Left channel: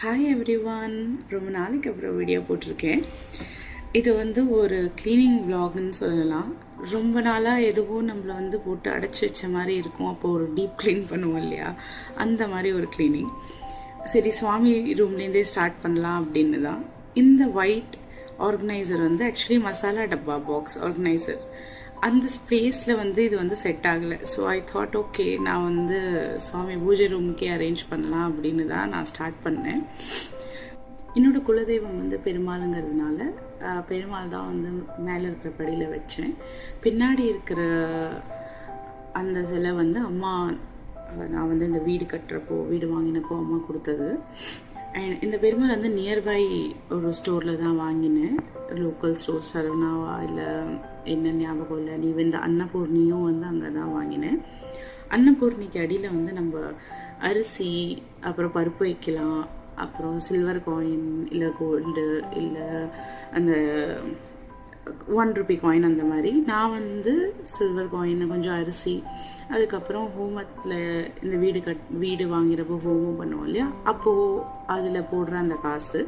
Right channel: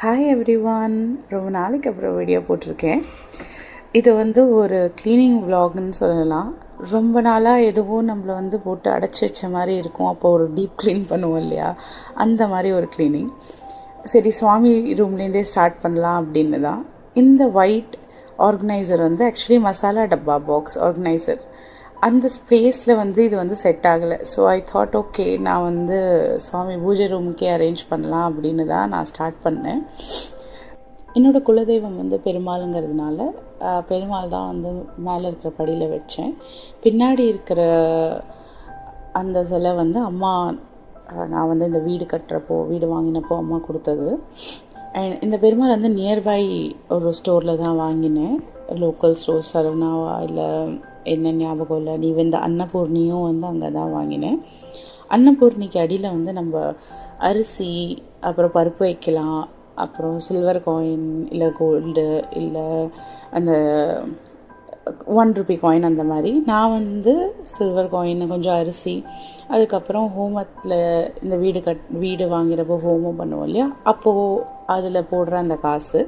Hi everyone, ரொம்ப நாளைக்கு அப்புறம் வீடியோ போட்டிருக்கேன். இது ஒரு க்ளீனிங் விலாக்னு சொல்லலாம். ரொம்ப நாளாக எதுவும் நம்மளை போட்டு அடைச்சி வச்ச மாதிரி இருக்கும். அப்போ ஒரு டீப் க்ளீன் பண்ணுவோம் இல்லையா, அந்த மாதிரி ஒரு க்ளீனிங். சரி, சுவாமி ரூம்லேருந்தே ஸ்டார்ட் பண்ணலாம் அப்படின்னு தான். இந்த ஒயிட் ஆர்கனைசர் ஆக்சுவலி மசாலா டப்பா பாக்ஸ் ஆர்கனைசர். அந்த ஸ்பேஸில் இது செட் ஆகலை. ஸோ ஐ தாட் ஓகே, நான் சுவாமி பூஜை ரூமுக்கே அரேஞ்ச் பண்ணலாம் அப்படின்னு தான் நான் ஸ்டார்ட் பண்ணேன். என்னோடய குலதெய்வம் பெருமாளுங்கிறதுனால பெருமாள் தான் மேலே இருக்கிற படியில் வச்சேன். பின்னாடி இருக்கிற அந்த சிலை அம்மா, நான் இந்த வீடு கட்டுறப்போ, வீடு வாங்கினப்போ அம்மா கொடுத்தது. அண்ட் இந்த பெருமாள் நியர்பை ஒரு ஸ்டோரில் தான் வாங்கினேன். லோக்கல் ஸ்டோர், சரவணாவா இல்லை என்ன ஞாபகம் இல்லை. நீ இந்த அன்னபூர்ணியும் அங்கே தான் வாங்கினேன். அன்னபூர்ணிக்கு அடியில் நம்ம அரிசி, அப்புறம் பருப்பு வைக்கலாம், அப்புறம் சில்வர் காயின் இல்லை கோல்டு இல்லை அந்த 1 ரூபி காயின், அந்த மாதிரி. நான் சில்வர் காயின், கொஞ்சம் அரிசி, அதுக்கப்புறம் ஹோமத்தில் இந்த வீடு வாங்கிறப்போ ஹோமம் பண்ணுவோம் இல்லையா, அப்போது அதில் போடுற அந்த காசு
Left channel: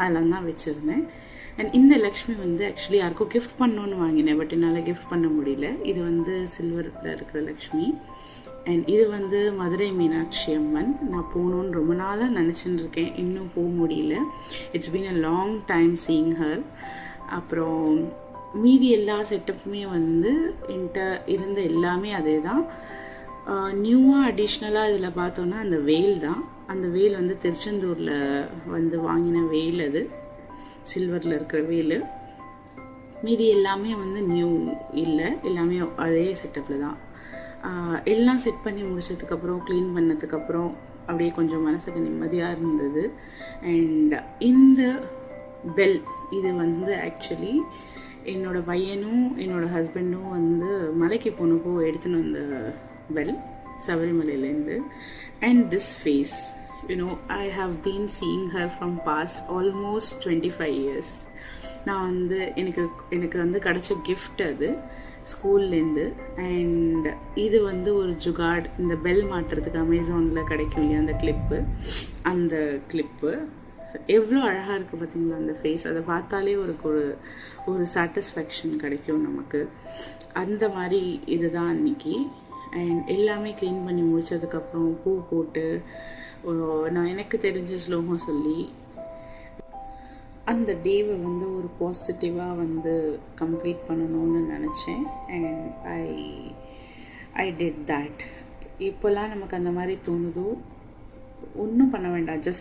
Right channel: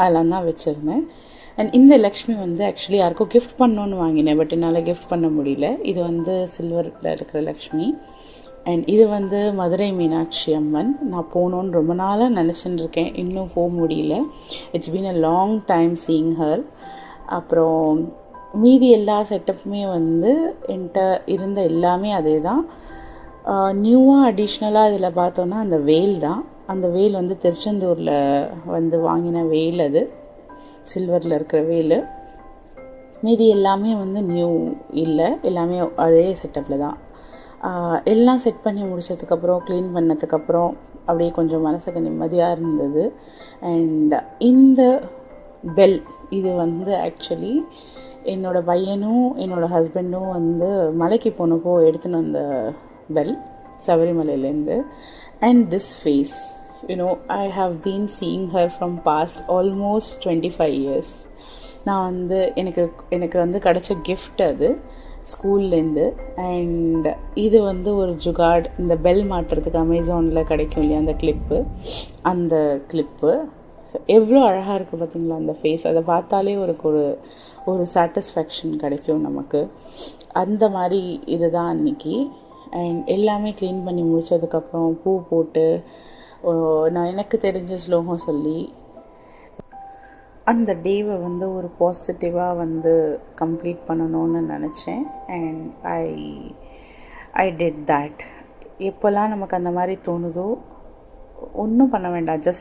அதெல்லாம் தான் வச்சுருந்தேன். அண்ட் இந்த லக்ஷ்மி ஆக்சுவலி யாருக்கும் கிஃப்ட் பண்ணோன்னு வாங்கினேன். பட் என்னால் கிஃப்ட் பண்ண முடியல. இது சில்வரில் இருக்கிற லக்ஷ்மி. அண்ட் இது மதுரை மீனாட்சி அம்மன். நான் போகணுன்னு ரொம்ப நாளாக நினச்சிட்டு இருக்கேன், இன்னும் போக முடியல. It's been a long time seeing her. அப்புறம் மீதி எல்லா செட்டப்புமே என்கிட்ட இருந்த எல்லாமே அதே தான். நியூவாக அடிஷ்னலாக இதில் பார்த்தோன்னா அந்த வேல் தான். அந்த வேல் திருச்செந்தூரில் வாங்கின வேல். அது சில்வரில் இருக்கிற வேல். மீதி எல்லாமே நியூ இல்லை, எல்லாமே அதே செட்டப்பில் தான். எல்லாம் செட் பண்ணி முடித்ததுக்கப்புறம், க்ளீன் பண்ணதுக்கப்புறம் அப்படியே கொஞ்சம் மனசுக்கு நிம்மதியாக இருந்தது. அண்ட் இந்த பெல் இது ஆக்சுவலி என்னோடய பையனும் என்னோடய ஹஸ்பண்டும் மலைக்கு போனப்போ எடுத்துன்னு வந்த பெல், சபரிமலையிலேருந்து. And this phase, I have been seeing her from past almost 25 years. நான் எனக்கு கிடைச்ச கிஃப்ட் அது ஸ்கூல்லேருந்து. அண்ட் இது ஒரு ஜுகாட். இந்த பெல் மாட்டுறதுக்கு அமேசானில் கிடைக்கும் இல்லையா, அந்த கிளிப்பு, அந்த கிளிப்பு எவ்வளோ அழகாக இருக்குது பார்த்தீங்களா அந்த ஃபேஸ். அதை பார்த்தாலே ஒரு சாட்டிஸ்ஃபேக்ஷன் கிடைக்கும் நமக்கு. அந்த மாதிரி இதுதான் அன்றைக்கி. அண்ட் எல்லாமே க்ளீன் பண்ணி முடித்ததுக்கப்புறம் பூ போட்டு நான் எனக்கு தெரிஞ்ச ஸ்லோகம் சொல்லி அந்த டேவை ஒரு பாசிட்டிவாக கம்ப்ளீட் பண்ணணும்னு நினச்சேன். And I did that. எப்போல்லாம் நமக்கு அந்த மாதிரி தோணுதோ ஒன்றும் பண்ண வேண்டாம், ஜஸ்ட்